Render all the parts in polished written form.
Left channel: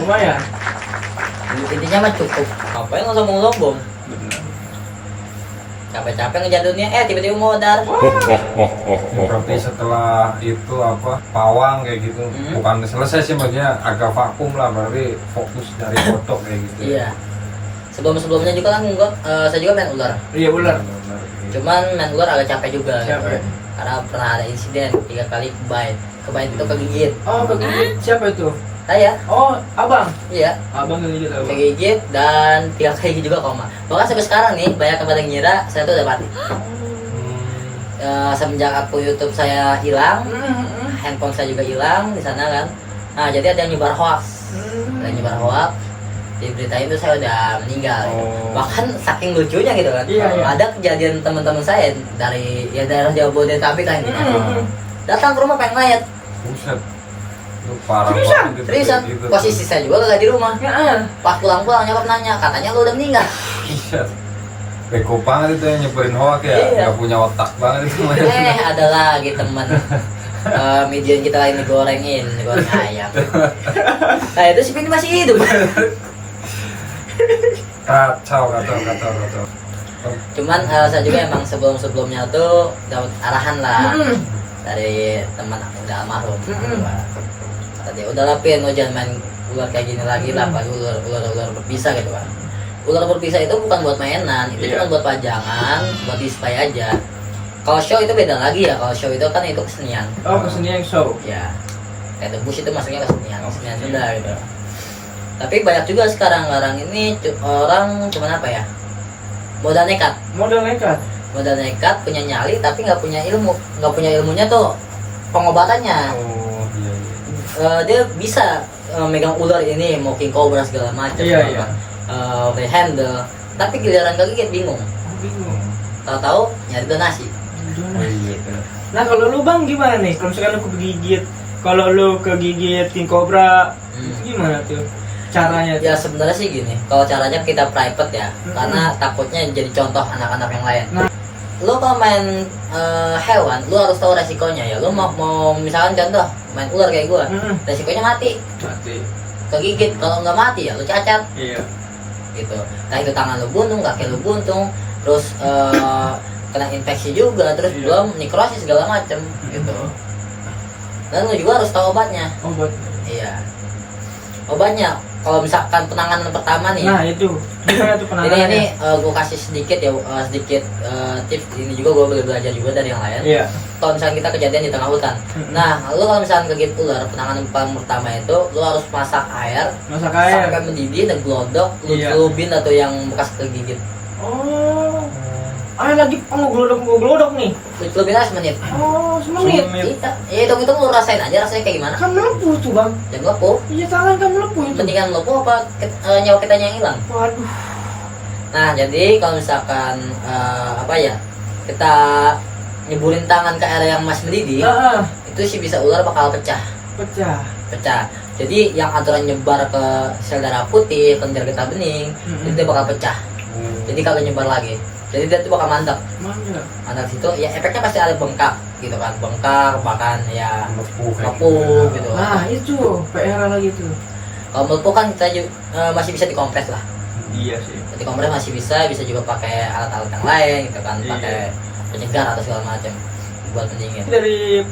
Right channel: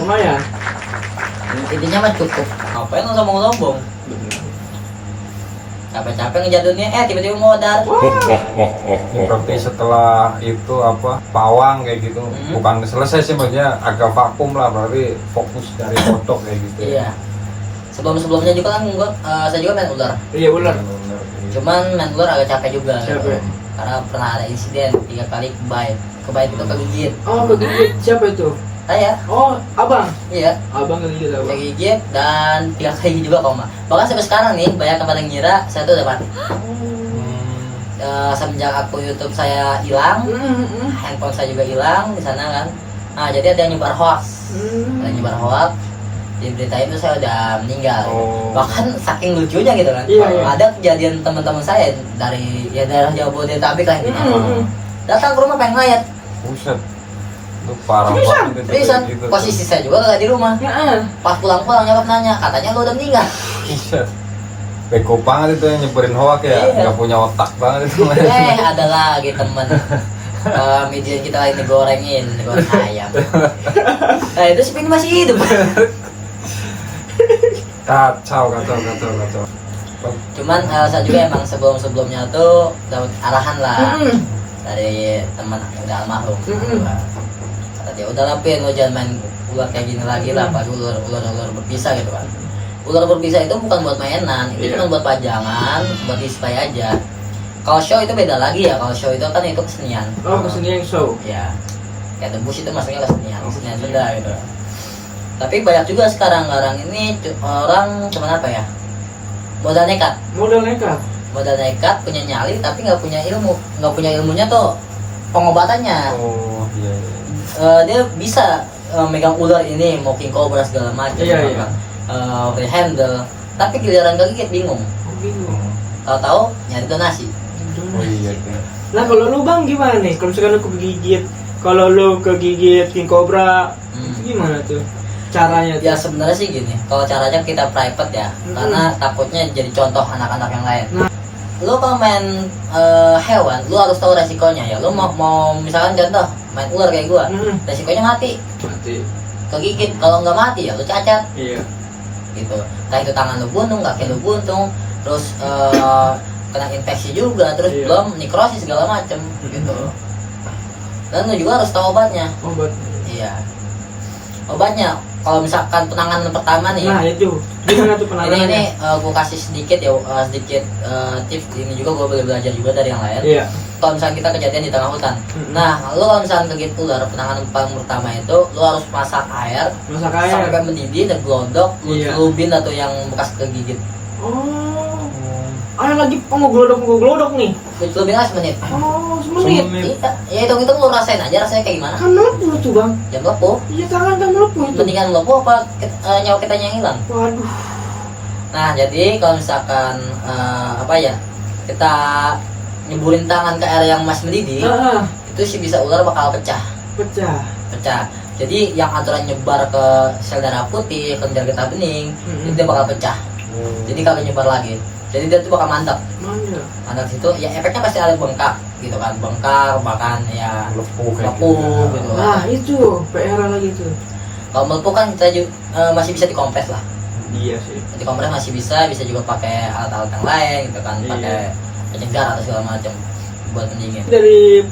Lumayan. Intinya mah cukup. Ngapain lo sombong-sombong? Benar. Capek-capek ngejatuhnya, tiba-tiba modal. Tapi setelah itu apa pawang kayak gitu, bukan selesai sih maksudnya agak vakum lah, berarti fokus dari kodok kayak gitu. Iya. Sebelum-sebelumnya juga kan saya juga main ular. Iya ular. Benar. Cuman main ular agak capek juga. Capek. Gitu. Karena pernah ada insiden 3 kali kebait itu kegigit. Oh kegigit. Siapa itu? Saya, Oh abang. iya, Abang kegigit abang. kegigit dan 3 kali juga koma. Bahkan sampai sekarang nih banyak tempat yang ngira saya tuh udah mati. Semenjak aku YouTube saya hilang, handphone saya juga hilang di sana kan. Nah jadi ada yang nyebar hoax, ada yang nyebar hoax. Di berita itu saya udah meninggal. Oh. Bahkan saking lucunya gitu kan. Iya, iya. Ada kejadian teman-teman saya dari daerah Jabodetabek lah gitu. Datang ke rumah pengen ngeliat. Buset. Itu parah Seriusan? banget itu, Seriusan, kayak gitu. posisi saya juga gak di rumah. Pas pulang-pulang nyokap nanya, katanya lu udah meninggal. Buset. Beko banget itu yang nyebarin hoax ya, Iya. nggak punya otak banget itu. Ada lagi temen median kita lagi goreng ayam. Nah itu si Pini masih hidup. Kacau. Cuman saya juga emang sebelumnya tuh dapat arahan lah dari teman udah almarhum. Kata dia udah lapin, lo jangan main ular kayak gini lagi lah, pas ular berpisah gitu kan. Ular berpisah itu bukan buat mainan, itu Iya. cuma buat pajangan, buat display aja. Kalau show itu beda lagi ya, kalau show itu kan itu kesenian. Oh kesenian show. Ya, kayak debus itu masuknya kesenian benda gitu. Tapi banyak juga sekarang ini orang cuman apa ya, modal nekat punya nyali tapi nggak punya ilmunya tuh pengobatannya. Oh iya. Dia bisa megang ular ini mau king cobra segala macam, Iya. free handle, tapi giliran kegigit bingung, tahu-tahu nyari donasi. Oh iya. Nah kalau lu bang gimana nih? Kalau misalkan lu kegigit, kalau lu kegigit king cobra, itu gimana tuh caranya? Ya Tuh? sebenarnya sih gini, kalau caranya kita private ya, karena takutnya jadi contoh anak-anak yang lain. Nah. Lo kalau main hewan, lo harus tahu resikonya ya. Lo mau misalkan contoh main ular kayak gua, resikonya mati, kegigit. Kalau nggak mati ya lo cacat, Iya. gitu. Nah itu tangan lo buntung, kaki lo buntung, terus kena infeksi juga, terus Iya. belum nekrosis segala macem, gitu. Dan lo juga harus tahu obatnya. Obat. Iya. Obatnya, kalau misalkan penanganan pertama nih. Nah itu gimana tuh Ini penanganannya? gue kasih sedikit ya, tips. Ini juga gue boleh belajar juga dari yang lain. Iya. Kalau misalnya kita kejadian di tengah hutan, nah lo kalau misalnya kegigit ular, penanganan paling pertama itu lo harus masak air Masak air. sampai mendidih dan glodok, lo Iya. celupin atau yang bekas kegigit. Oh. Air lagi pengoglodok nih. Lo celupin aja semenit. Oh, semenit. Iya, ya itu lo rasain aja rasanya kayak gimana. Kan melepuh tuh bang. Ya melepuh. Iya tangan kan melepuh itu. Mendingan melepuh apa nyawa kita yang hilang. Waduh. Nah jadi kalau misalkan kita nyeburin tangan ke air yang masih mendidih, Ah, itu sih bisa ular bakal pecah. Jadi yang aturan nyebar ke sel darah putih, kelenjar getah bening, itu dia bakal pecah. Jadi kagak nyebar lagi. Jadi dia tuh bakal mantap situ. Ya efeknya pasti ada bengkak gitu kan, bahkan ya melepuh gitu. Nah itu PR lagi tuh. Kalau melepuh kan kita masih bisa dikompres lah. Iya sih. Dikompres masih bisa juga pakai alat-alat yang lain gitu kan, Iya. pakai penyegar atau segala macam buat pendingin. Dari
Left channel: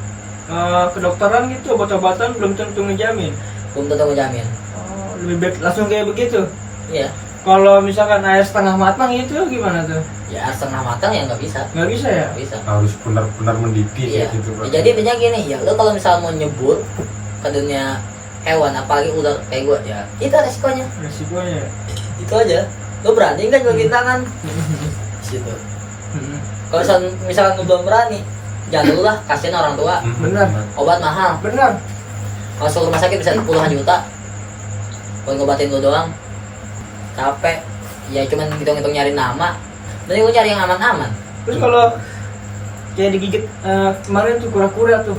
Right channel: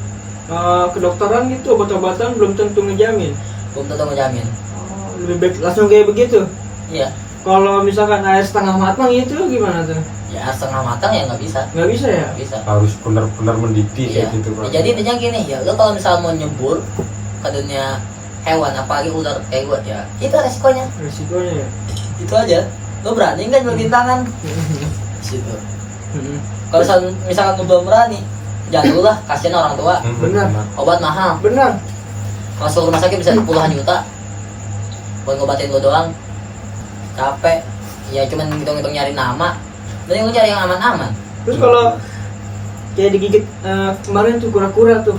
kedokteran gitu obat-obatan belum tentu ngejamin. Belum tentu menjamin. Oh, lebih baik langsung kayak begitu. Iya. Kalau misalkan air setengah matang itu gimana tuh? Ya setengah matang ya nggak bisa. Nggak bisa ya? Nggak bisa. Harus benar-benar mendidih Iya. kayak gitu. Ya, jadi intinya gini ya, lo kalau misalnya mau nyebur ke dunia hewan apalagi ular kayak gue ya, itu resikonya. Resikonya ya. Itu aja. Lo berani nggak nyelupin tangan? Situ. Kalau misalkan lo belum berani, jangan dulu lah, kasihan orang tua. Benar. Obat mahal. Benar. Masuk rumah sakit bisa puluhan juta buat ngobatin lo doang. Capek. Ya cuman hitung-hitung nyari nama. Dan lo cari yang aman-aman. Terus kalau kayak digigit kemarin tuh kura-kura tuh.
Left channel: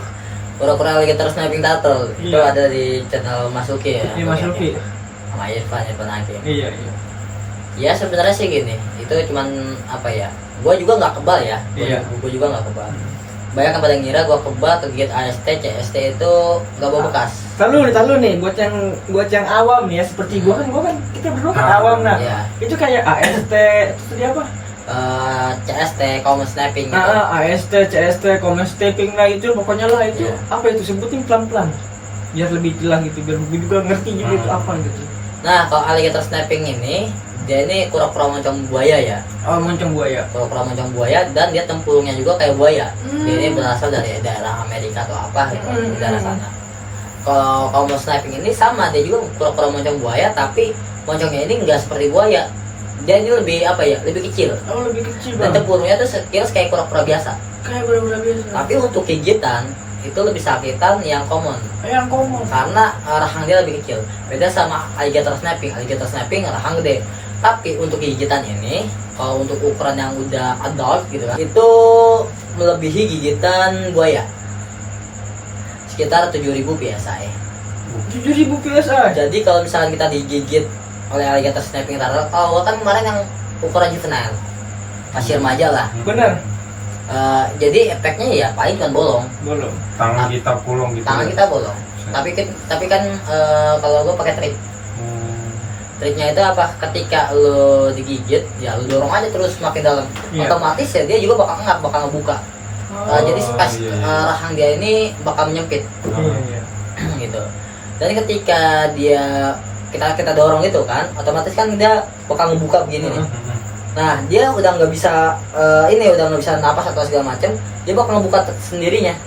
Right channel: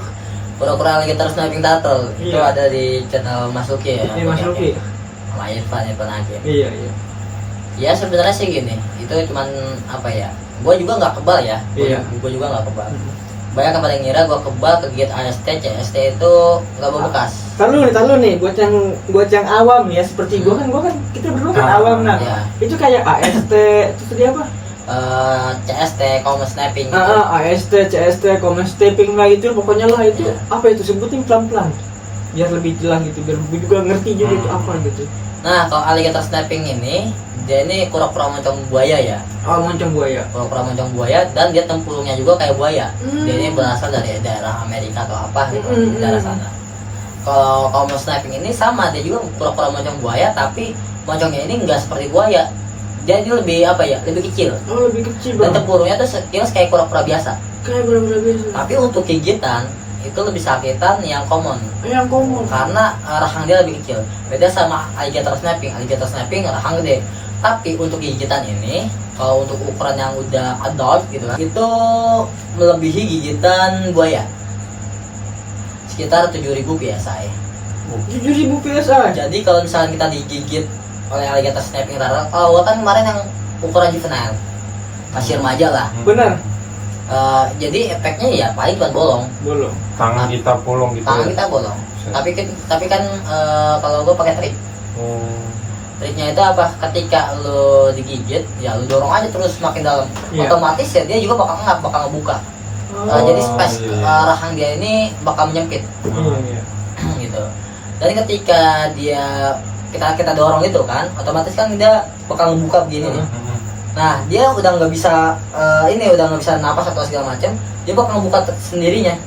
Kura-kura lagi terus sniping turtle. Itu Iya. ada di channel Mas Luki ya. Iya Mas Luki. Sama Irfan Hakim. Iya. Ya sebenarnya sih gini, itu cuman apa ya? Gua juga nggak kebal ya. Iya. Gua juga nggak kebal. banyak yang pada ngira gua kebal kegigit AST, CST itu nggak berbekas. Tahu nih buat yang awam nih ya seperti gua kan kita berdua kan awam nah. Iya. Itu kayak AST itu tadi apa? CST, common snapping gitu. AST, CST, common snapping lah itu pokoknya lah itu Iya. apa itu sebutin pelan-pelan biar lebih jelas gitu biar gue juga ngerti juga itu apa gitu. Nah, kalau alligator snapping ini dia ini kura-kura moncong buaya ya. Oh, moncong buaya. Kura-kura moncong buaya dan dia tempurungnya juga kayak buaya. Hmm. Dia ini berasal dari daerah Amerika atau apa gitu, daerah sana. Kalau common snapping ini sama, dia juga kura-kura moncong buaya tapi moncongnya ini enggak seperti buaya. Dia ini lebih apa ya? Lebih kecil. Oh, lebih kecil Dan bang. tempurungnya tuh sekilas kayak kura-kura biasa. Kayak bener-bener biasa. Tapi untuk gigitan itu lebih sakitan yang common Yang common. karena rahang dia lebih kecil. Beda sama alligator snapping. Alligator snapping rahang gede. Tapi untuk gigitan ini, kalau untuk ukuran yang udah adult gitu kan, itu melebihi gigitan buaya. Sekitar 7.000 PSI. 7.000 PSI. Jadi kalau misalnya kita digigit oleh alligator snapping taruh, kalau kan kemarin yang ukuran juvenile, masih remaja lah. Benar. Jadi efeknya ya paling cuma bolong. Belum. Tangan kita bolong gitu. Tangan ya? kita bolong. Tapi kan kalau gue pakai trik. Triknya itu apa? Ketika lo digigit, ya lo dorong aja terus makin dalam. Iya. Otomatis ya dia juga bakal ngebuka. Jadi space rahang dia ini bakal menyempit. Iya. Gitu. Dan ketika kita dorong itu kan, otomatis kan dia bakal ngebuka begini nih. Nah, dia udah nggak bisa udah nggak bisa napas atau segala macam, dia bakal ngebuka sendirinya.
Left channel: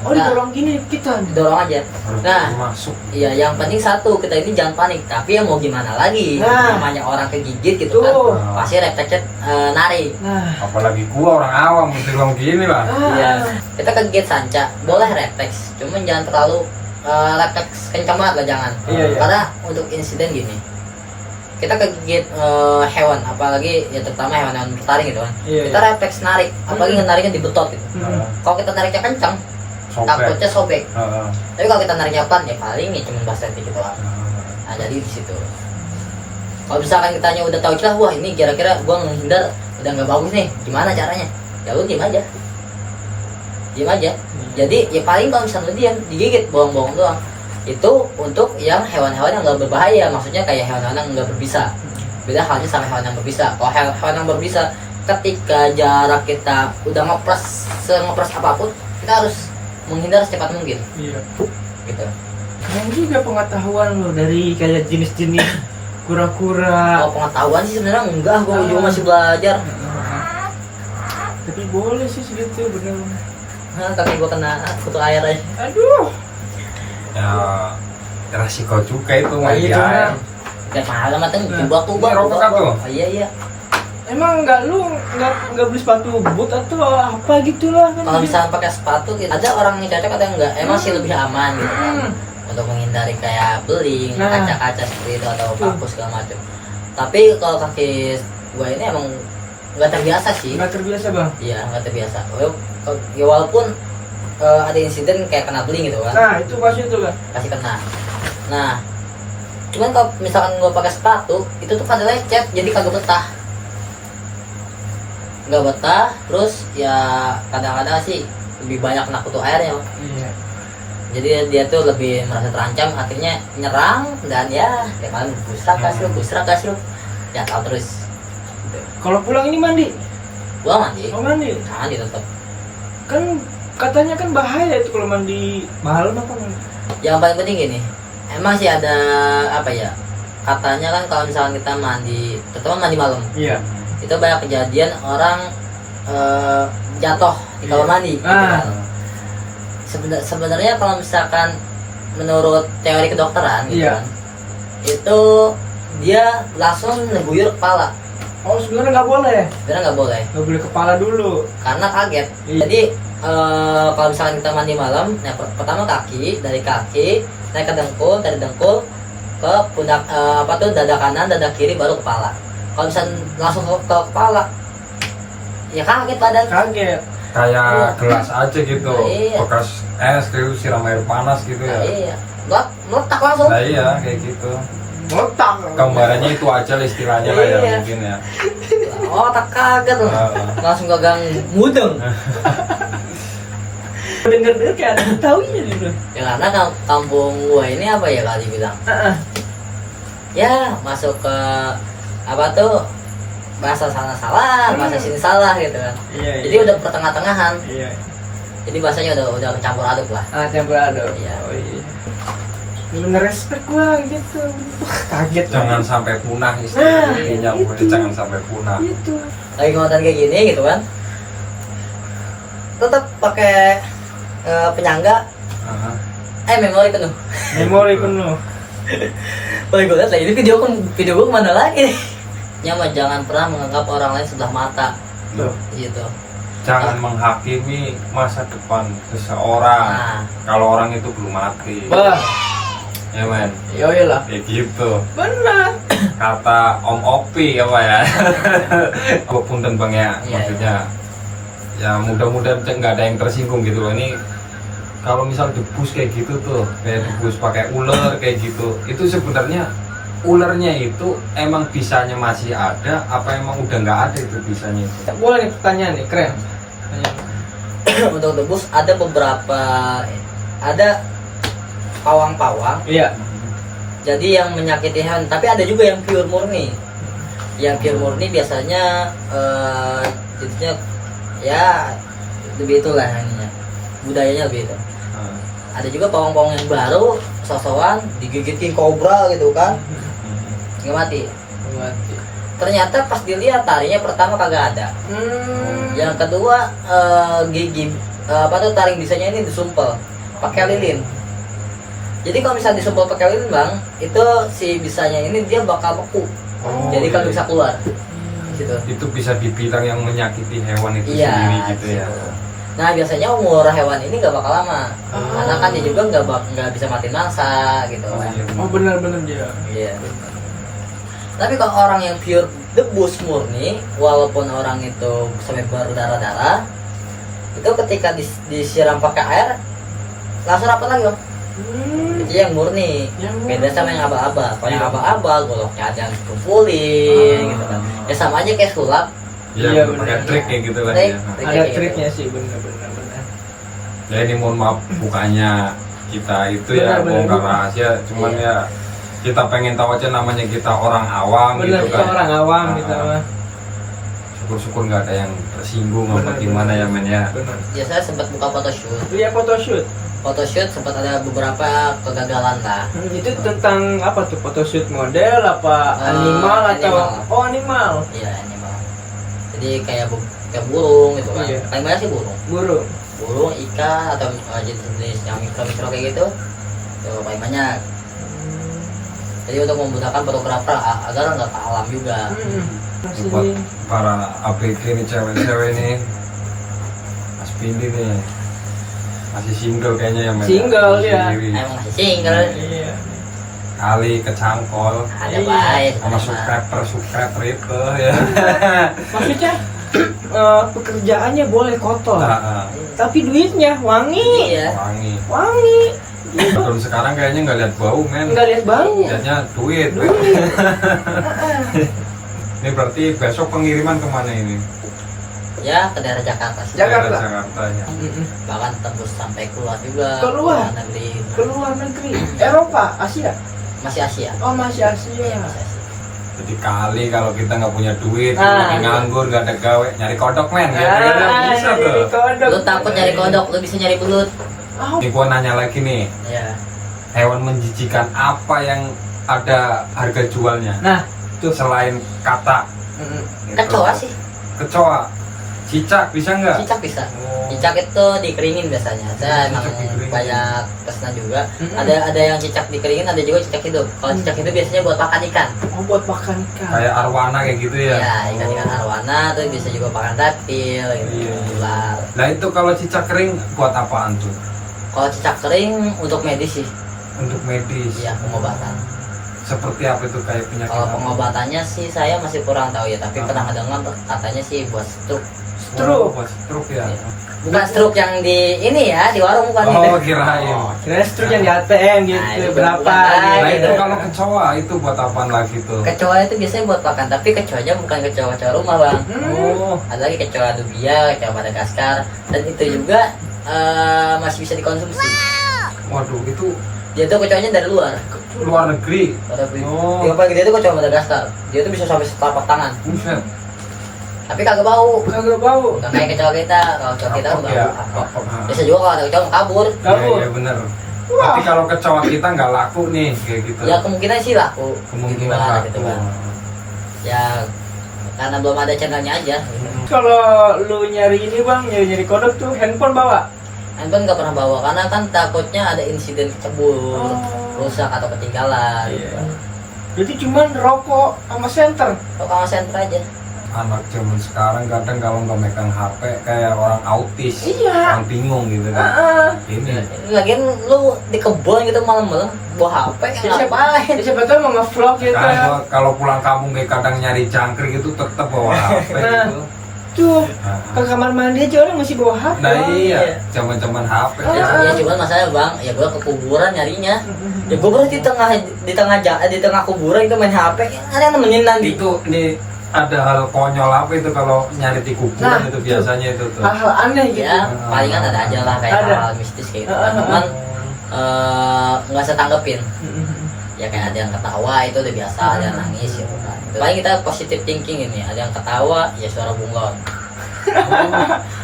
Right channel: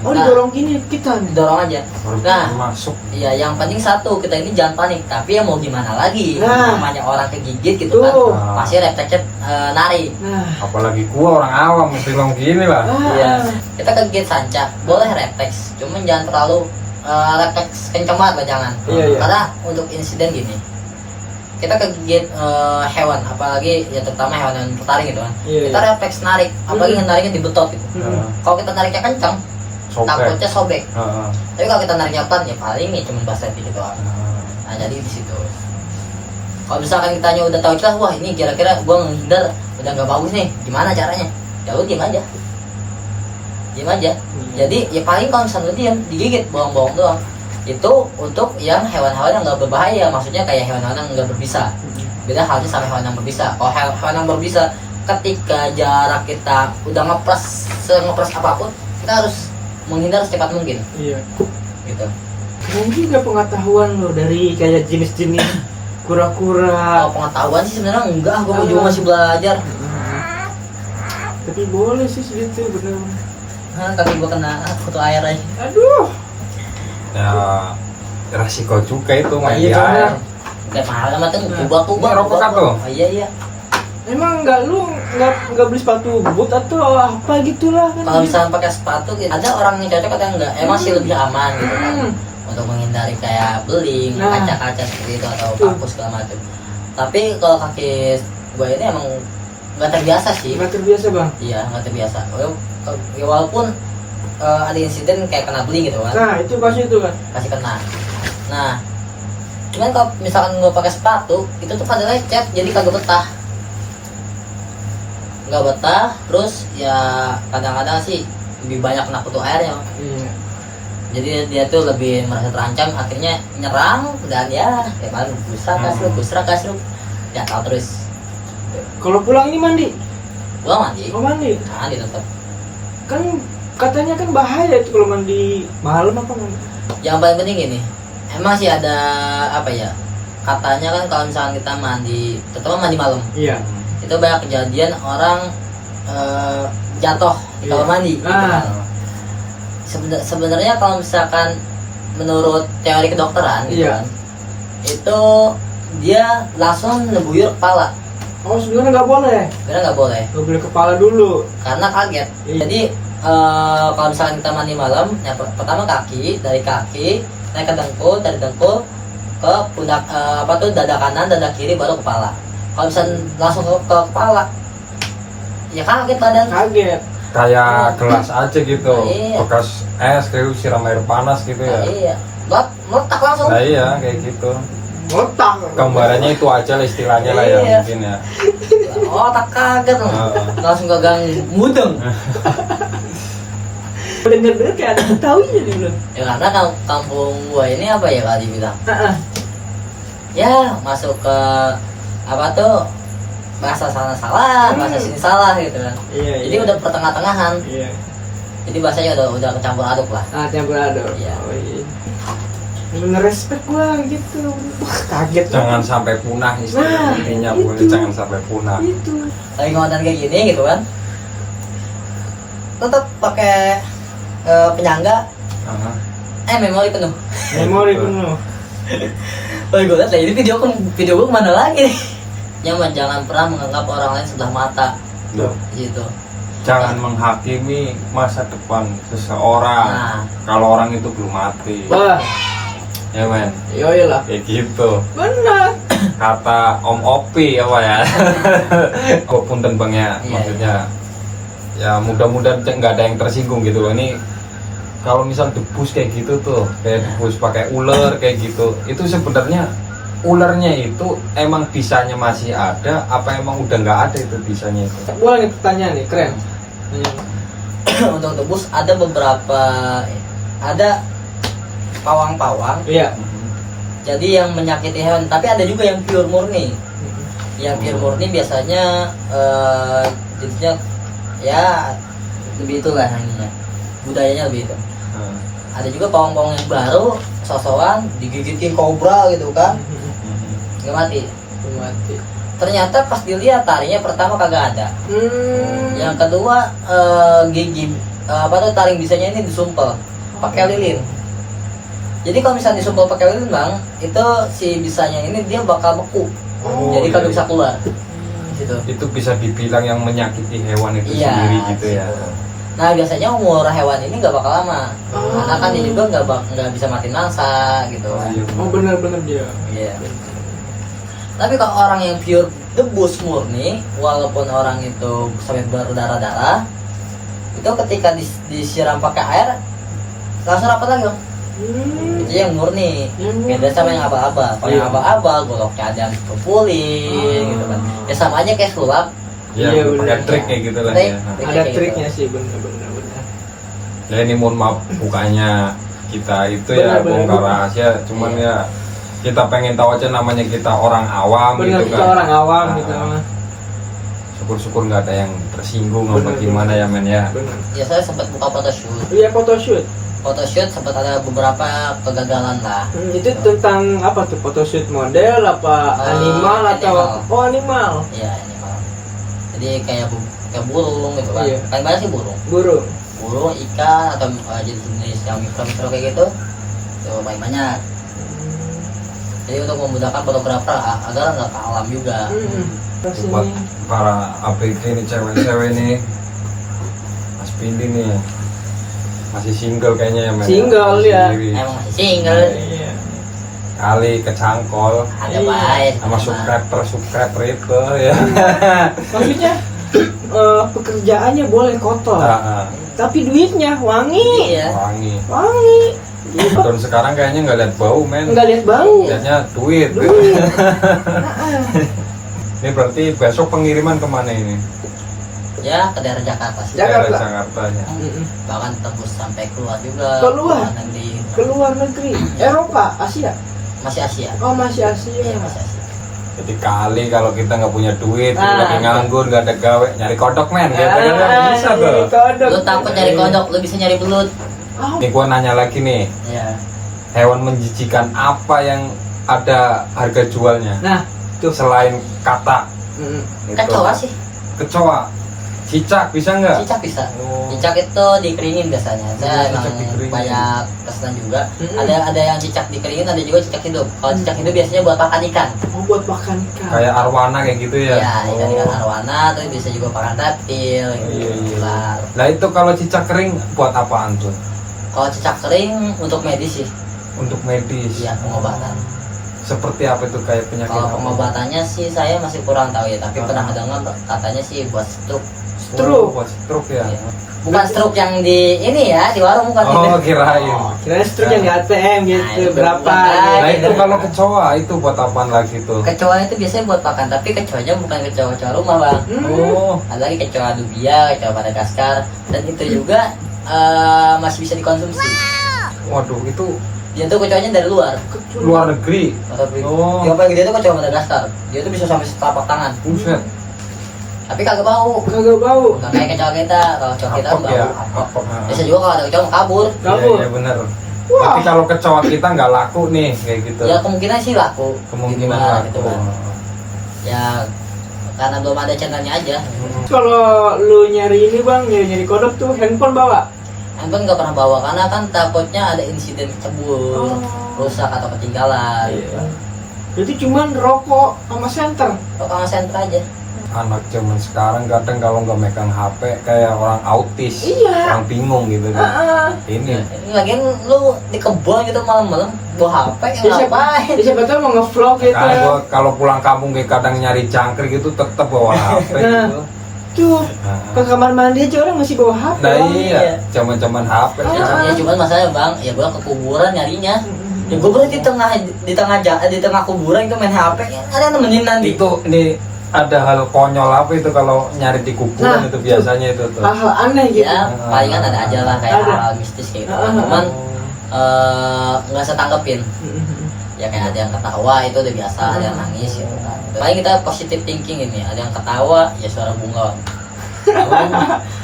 Oh, didorong gini kita. Didorong aja. Harus Nah, masuk. iya, yang penting satu, kita ini jangan panik. Tapi ya mau gimana lagi? Nah. Namanya orang kegigit gitu kan, Tuh. pasti refleksnya narik. Nah. Apalagi gua orang awam mesti ngomong gini lah. Iya, kita kegigit sanca, boleh refleks, cuman jangan terlalu refleks kencang banget lah, jangan. Iya, iya. Karena untuk insiden gini, kita kegigit hewan, apalagi ya terutama hewan bertaring gitu kan, Iya, kita iya. refleks narik, apalagi nariknya di betot gitu. Kalau kita nariknya kencang, takutnya sobek. Tapi kalau kita nariknya pelan ya paling nih cuma basah gitu lah. Nah, jadi di situ. Kalau misalkan kitanya udah tahu celah, wah ini kira-kira gua menghindar udah nggak bagus nih, gimana caranya? Ya lu diem aja. Jadi ya paling kalau misalnya diam, digigit bohong-bohong doang. Itu untuk yang hewan-hewan yang nggak berbahaya, maksudnya kayak hewan-hewan yang nggak berbisa. Beda halnya sama hewan yang berbisa. Kalau hewan yang berbisa, ketika jarak kita udah ngepres apapun, kita harus menghindar secepat mungkin. Iya. Gitu. Keren juga pengetahuan lo dari kayak jenis-jenis kura-kura. Kalau pengetahuan sih sebenarnya enggak, gua juga masih belajar. Tapi boleh sih segitu bener. Kaki gua kena kutu air aja. Aduh. Ya resiko juga itu main di Iya. air. Kayak mahal amat tuh, tuba-tuba. Rokok kan tuh? Iya. Emang nggak beli sepatu boot atau apa gitulah kan? Kalau misalnya pakai sepatu, ada orang yang cocok ada yang enggak. Emang sih lebih aman gitu kan. Untuk menghindari kayak beling, Nah. kaca-kaca seperti itu atau Tuh. paku segala macam. Tapi kalau kaki gue ini emang nggak terbiasa sih. Nggak terbiasa bang. Iya, nggak terbiasa. Ya, walaupun ada insiden kayak kena beling gitu kan, Nah itu pasti itu kan. pasti kena. Nah, cuman kalau misalkan gue pakai sepatu, itu tuh pada lecet, jadi kagak betah. Nggak betah, terus ya kadang-kadang sih lebih banyak kena kutu airnya. Iya. Jadi dia tuh lebih merasa terancam, akhirnya nyerang dan ya paling busrak kasih ya tahu terus. Kalau pulang ini mandi, Gua mandi, mandi. mandi tetap. Kan katanya kan bahaya itu kalau mandi malam apa? Yang paling penting gini, emang sih ada apa ya? Katanya kan kalau misalnya kita mandi, terutama mandi malam, Iya. itu banyak kejadian orang jatuh di kamar Iya. mandi. Gitu Ah. kan. Sebenarnya kalau misalkan menurut teori kedokteran, gitu Iya. kan, itu dia langsung ngebuyur kepala. Oh sebenarnya nggak boleh. Sebenarnya nggak boleh, Nggak boleh kepala dulu. karena kaget. Iya. Jadi kalau misalkan kita mandi malam, nah, pertama kaki, dari kaki naik ke dengkul, dari dengkul ke pundak dada kanan, dada kiri, baru kepala. Kalau misalkan langsung ke kepala, ya kaget badan. Kaget. Kayak gelas aja gitu, Iya. bekas es kayak siram air panas gitu ya. Iya, meletak langsung. Nah iya kayak gitu. Ngotak. Gambarannya itu aja lah istilahnya lah ya Iya. mungkin ya. Oh, tak kaget loh. Ah. Langsung gagang mudeng. Denger-denger kayak ada tahu ya gitu. Ya karena kampung gua ini apa ya kalau dibilang, Heeh. ya masuk ke apa tuh, bahasa sana salah, bahasa sini salah gitu kan. Iya. Jadi udah pertengah-tengahan. Iya. Jadi bahasanya udah kecampur aduk lah. Campur aduk. Iya. Oh iya. Bener respect gua gitu. Wah, kaget. Jangan sampai punah Nah, intinya itu. boleh, jangan sampai punah. Itu. Lagi konten kayak gini gitu kan, tetap pakai penyangga, Aha. memori penuh. Memori penuh. Kalau gue lihat ini video gue kemana lagi? Nyaman, jangan pernah menganggap orang lain sebelah mata. Tuh. Gitu. Jangan menghakimi masa depan seseorang Nah, kalau orang itu belum mati. Wah, Ya men, yoi lah. kayak gitu. Benar. Kata Om Opi apa ya? Oh punten bang ya, Iya, maksudnya ya mudah-mudahan nggak ada yang tersinggung gitu loh. Ini kalau misal debus kayak gitu tuh, kayak debus pakai ular kayak gitu, itu sebenarnya ularnya itu emang bisanya masih ada, apa emang udah nggak ada itu bisanya itu? Boleh nih pertanyaan nih, keren. untuk debus ada beberapa, ada pawang-pawang. Iya. Jadi yang menyakiti hewan, tapi ada juga yang pure murni. Yang pure murni biasanya jenisnya ya lebih itulah namanya, budayanya lebih itu. Nah, Ada juga pawang-pawang yang baru sosokan digigitin kobra gitu kan, nggak mati. Mati. Ternyata pas dilihat tarinya pertama kagak ada. Yang kedua gigi apa tuh, taring bisanya ini disumpel pakai lilin. Jadi kalau misalnya disumpel pakai lilin bang, itu si bisanya ini dia bakal beku. Oh, Jadi kagak iya. bisa keluar. Gitu. Itu bisa dibilang yang menyakiti hewan itu Iya, sendiri gitu ya. gitu. Nah biasanya umur hewan ini nggak bakal lama, karena kan dia juga nggak bisa mati mangsa gitu Oh, kan. iya. Oh benar-benar dia. Iya. Tapi kalau orang yang pure debus murni, walaupun orang itu sampai berdarah-darah, itu ketika disiram pakai air langsung rapat lagi dong. Itu yang murni. Beda sama yang aba-aba. Kalau yang Iya. aba-aba goloknya ada yang kumpulin gitu kan. Ya sama aja kayak sulap. Ya, Iya, pakai benar. trik kayak gitu lah Trik. ya. Nah, Ada triknya sih, benar-benar. ya ini mohon maaf bukannya kita itu ya Benar-benar. bongkar rahasia, cuman Iya. ya kita pengen tahu aja, namanya kita orang awam Benar, gitu kita kan. orang awam Nah, gitu mah. Syukur-syukur nggak ada yang tersinggung apa Benar, gimana ya men ya. Benar. Ya saya sempat buka photoshoot. Iya, photoshoot. Photoshoot sempat ada beberapa kegagalan lah. Itu tentang apa tuh? Photoshoot model apa animal atau animal. oh animal. Iya ini malah. Jadi kayak kayak burung gitu kan. Iya. Paling banyak sih burung. Burung. Burung, ikan atau jenis-jenis yang mikro-mikro kayak gitu. Tuh paling banyak. Jadi untuk memudahkan fotografer agar nggak ke alam juga. Terus Itu buat ini para ABG nih, cewek-cewek nih, Mas Pindi nih masih single kayaknya ya men. Single, Masih ya. sendiri. Emang masih single. iya. Kali kecangkol Ada Iya. baik. sama subscriber itu ya. Maksudnya pekerjaannya boleh kotor, Nah, tapi duitnya wangi. Iya. wangi. Wangi. Tahun sekarang kayaknya nggak lihat bau men. Enggak lihat bau. Lihatnya duit. Duit. Ini berarti besok pengiriman kemana ini? Ya ke daerah Jakarta sih. Jakarta. Daerah Jakartanya. Bahkan tembus sampai keluar juga. Keluar? Luar negeri. Keluar negeri, Eropa, Asia. Masih Asia. Oh masih Asia. Iya masih Asia. Jadi kali kalau kita nggak punya duit, Ah. lagi nganggur, nggak ada gawe, nyari kodok men. Ya, bisa tuh. jadi kodok. Lu takut nyari kodok, lu bisa nyari belut. Ah, Ini gua nanya lagi nih, Ya. hewan menjijikan apa yang ada harga jualnya Nah, tuh. selain kata? Gitu. Kecoa sih. Kecoa, cicak bisa nggak? Cicak bisa. Oh. Cicak itu dikeringin biasanya. Saya Cicak emang dikeringin. banyak pesanan juga. Mm-mm. Ada yang cicak dikeringin, ada juga cicak hidup. Kalau cicak hidup biasanya buat makan ikan. Oh, buat makan ikan. Kayak arwana kayak gitu ya? Ya, ikan-ikan Oh. arwana tuh bisa juga makan reptil gitu. Iya, iya. Ular. Nah itu kalau cicak kering buat apaan tuh? Kalau cicak kering untuk medis sih. Untuk medis. Ya, pengobatan. Seperti apa itu kayak penyakit? Kalau apa? pengobatannya sih saya masih kurang tahu ya, tapi pernah dengar katanya sih buat stroke. Oh, buat stroke ya? Bukan stroke yang di ini ya, di warung bukan Oh itu. kirain. Kira struk yang di ATM gitu, Nah, itu berapa bukan. gitu. Nah itu kalau kecoa itu buat apaan lagi tuh? Kecoa itu biasanya buat makan, tapi kecoanya bukan kecoa-kecoa rumah bang. Hmm. Oh, Ada lagi kecoa dubia, kecoa Madagaskar, dan itu juga masih bisa dikonsumsi. Waduh, itu Dia tuh kecoanya dari luar. luar negeri. Oh. Yang paling gede tuh kecoa Madagaskar. Dia tuh bisa sampai setelapak tangan. Buset. Tapi kagak bau. Kagak bau. Nggak kayak kecoa kita. Kalau kecoa kita Apok bau. ya, Apok. apok. Bisa juga kalau ada kecoa mau kabur. Kabur. Iya, bener. Tapi kalau kecoa kita nggak laku nih kayak gitu. Ya kemungkinan sih laku. Kemungkinan Gitu, laku. gitu kan. Ya karena belum ada channelnya aja. Kalau lu nyari ini bang, nyari kodok tuh handphone bawa. Handphone nggak pernah bawa karena kan takutnya ada insiden kecebur, rusak atau ketinggalan. Iya. Jadi cuman rokok sama senter. Kok sama senter aja. Anak zaman sekarang kadang kalau nggak megang HP kayak orang autis, Iya. orang bingung gitu kan. Ini Lagian lu di kebun gitu malam-malam bawa HP ngapain? Siapa tahu mau nge-vlog gitu. kalau pulang kampung kayak kadang nyari jangkrik itu tetap bawa HP Nah. gitu. Tuh, Nah. ke kamar mandi aja orang masih bawa HP. Nah Bang. iya, zaman-zaman HP. Ya cuman masalahnya bang, ya gua ke kuburan nyarinya. Ya gua berarti di tengah kuburan itu main HP. Ada yang nemenin nanti. Itu nih ada hal konyol apa itu kalau nyari di kuburan Nah, itu biasanya itu tuh. Hal-hal aneh gitu. Ya palingan ada aja lah kayak Ada. hal mistis gitu. Ah, ah, ah. Cuman nggak usah tanggepin. Ya kayak ada yang ketawa itu udah biasa, ada yang nangis gitu kan. Paling kita positive thinking ini, ada yang ketawa ya suara bunglon.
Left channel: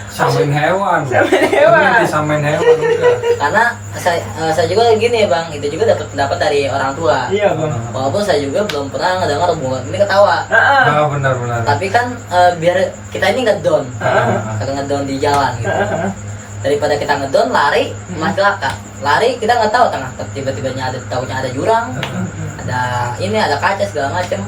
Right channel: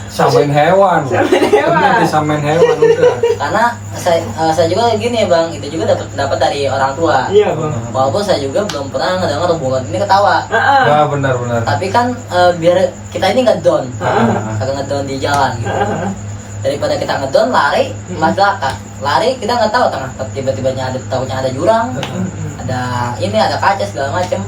Samain hewan. Samain hewan. Bener, disamain hewan udah. Karena saya juga gini ya bang, itu juga dapat dari orang tua. Iya bang. Walaupun saya juga belum pernah ngedengar bunglon ini ketawa. Nah, benar-benar. Tapi kan biar kita ini nggak down, kagak ngedown di jalan gitu. Daripada kita ngedown lari malah celaka. Lari kita nggak tahu tengah tiba-tibanya ada jurang, ada ini ada kaca segala macem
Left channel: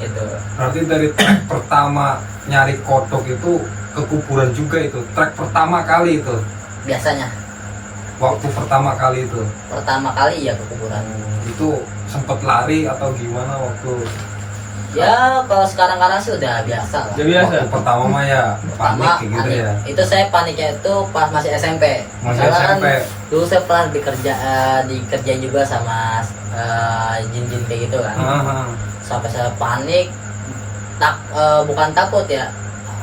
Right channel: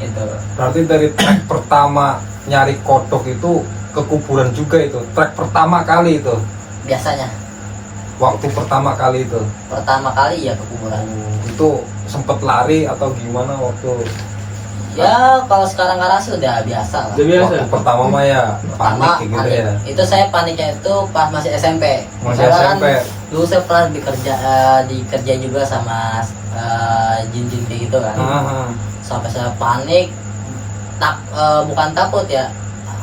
gitu. Berarti dari track pertama nyari kodok itu ke kuburan juga itu. Track pertama kali itu. Biasanya Waktu pertama kali itu. pertama kali ya ke kuburan. Itu sempet lari atau gimana waktu Ya kalau sekarang sih udah biasa lah. Udah biasa. waktu pertama mah ya panik Pertama, kayak gitu panik. ya. Itu saya paniknya itu pas masih SMP. Masih Karena kan SMP. dulu saya pernah dikerjain juga sama jin-jin kayak gitu kan. Ah, Sampai saya panik, bukan takut ya,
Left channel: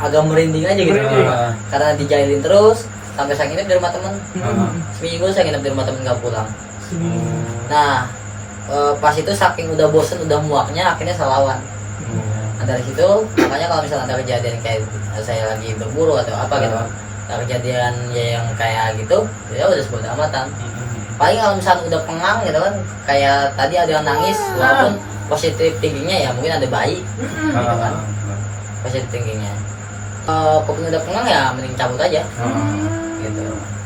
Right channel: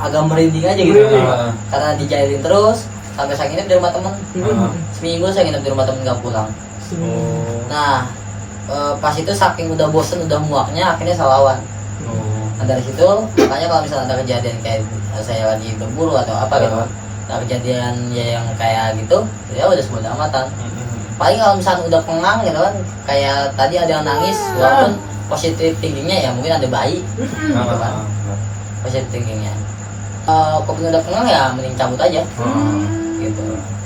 agak merinding aja gitu. ah. Karena dijailin terus, sampai saya nginep di rumah temen. Ah. Seminggu saya nginep di rumah temen nggak pulang. Oh. Nah, pas itu saking udah bosen, udah muaknya, akhirnya saya lawan. Nah dari situ, makanya kalau misalnya ada kejadian kayak saya lagi berburu atau apa gitu, ada kejadian ya yang kayak gitu, ya udah sebodo amatan. Paling kalau misalnya udah pengang gitu kan, kayak tadi ada yang nangis, walaupun positif thinkingnya ya mungkin ada bayi, gitu kan, positif thinkingnya. Kalau udah pengang ya mending cabut aja, gitu.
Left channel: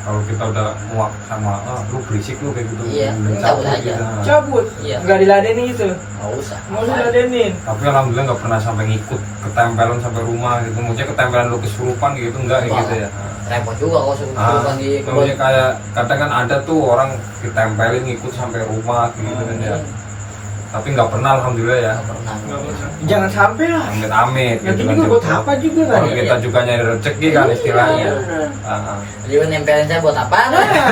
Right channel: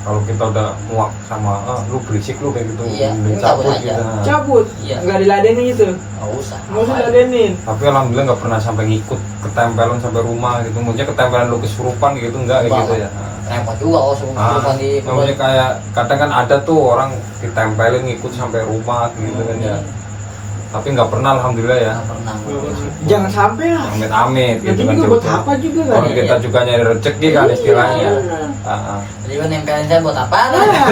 Kalau kita udah muak sama lu berisik lu kayak gitu, Iya, mending cabut cabut aja. gitu. Cabut. Iya. Nggak diladenin gitu. Nggak usah. Nggak usah diladenin. Tapi alhamdulillah nggak pernah sampai ngikut ketempelan sampai rumah gitu. Maksudnya ketempelan lu kesurupan gitu enggak kayak Wah. gitu ya. Repot juga kalau suruh di Maksudnya kayak kadang kan ada tuh orang ditempelin ngikut sampai rumah gitu kan ya. Tapi nggak pernah alhamdulillah ya. Nggak pernah. Jangan sampai lah. Amit-amit Nanti gitu kan. juga buat apa juga kan? Orang kita juga nyari rezeki kan istilahnya. Iya. Jadi nempelin saya buat apa? Nah.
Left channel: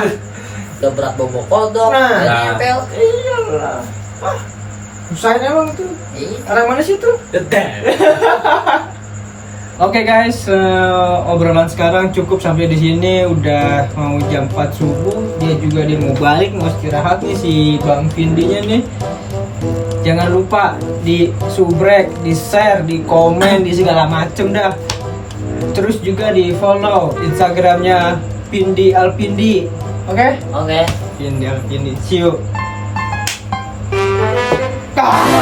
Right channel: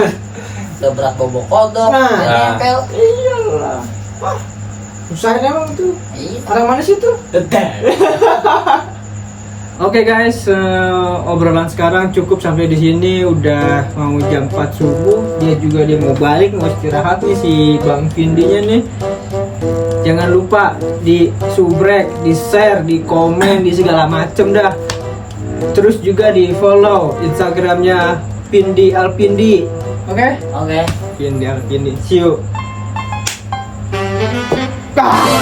Udah berat bobo kodok, Nah. jadi nempel. Iyalah. Wah, usahain emang tuh. Iya. Orang mana sih tuh? Oke guys, obrolan sekarang cukup sampai di sini. Udah mau jam 4 subuh. Dia mau balik, mau istirahat nih si Bang Vindinya nih. Jangan lupa di subrek, di share, di komen, di segala macem dah. Terus juga di follow Instagramnya Pindi Alpindi. Oke? Oke. Pindi Alpindi. See you. Ah!